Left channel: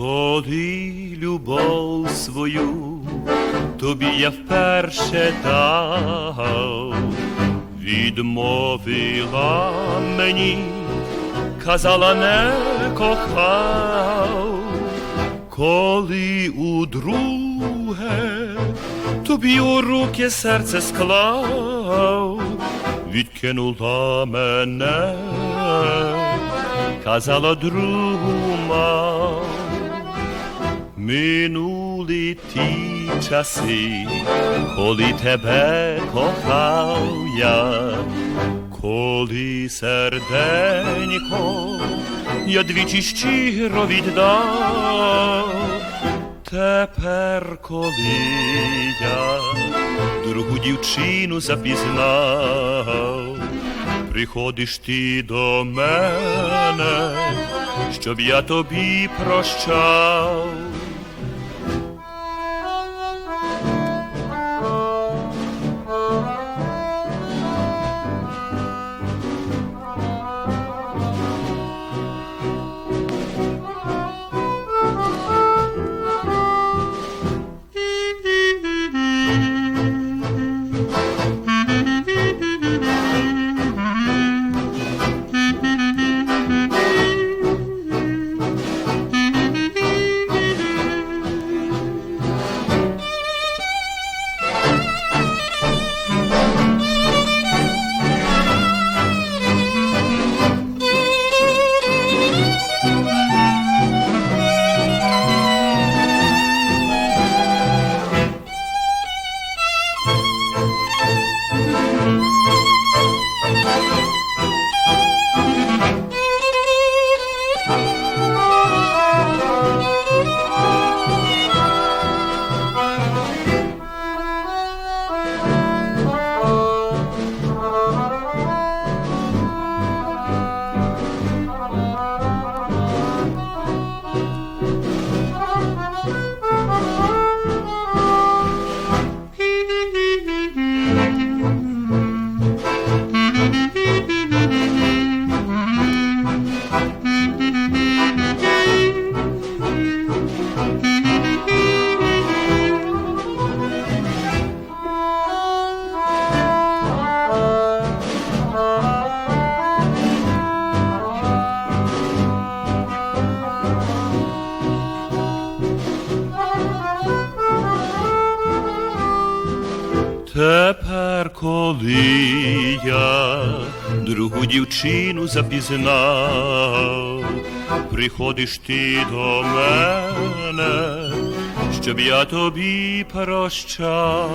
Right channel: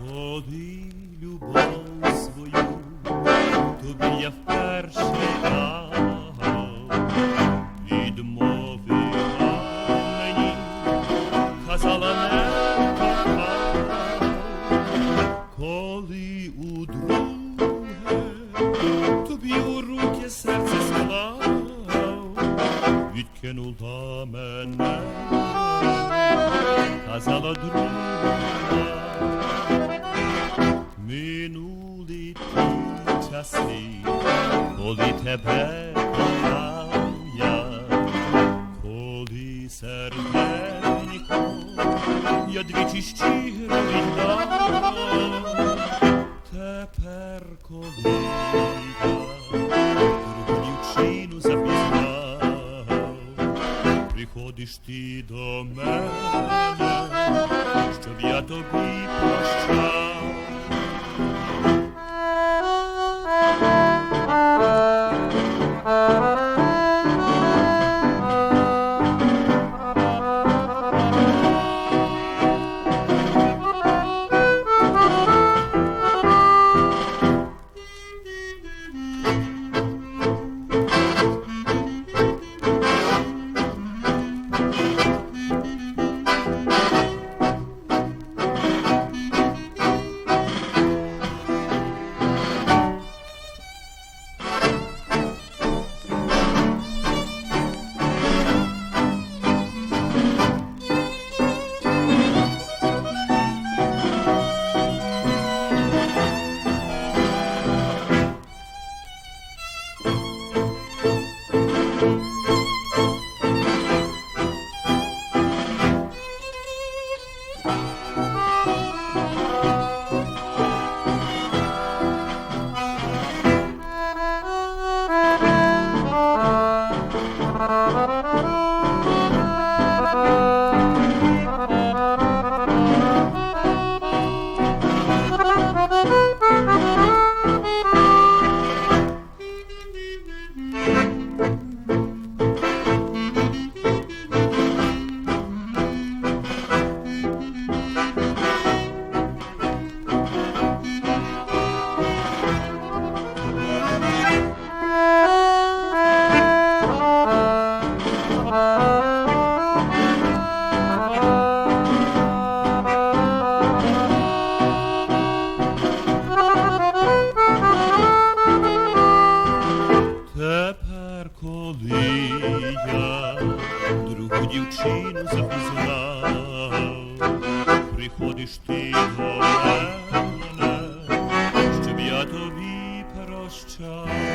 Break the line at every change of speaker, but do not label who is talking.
Коли любов свою тобі я вперше дав, відмовила мені, казала не кохав, коли у друге тобі у руки серце склав, відкинула мене, казала друга. Минули ті часи, коли тебе кохав я, коли серденько я двічі щиро віддав, тепер, коли я другу дівчину запізнав, приходиш ти до мене, щоб я тобі прощав. Тепер, коли я другу дівчину запізнав, приходиш ти до мене, щоб я тобі прощав.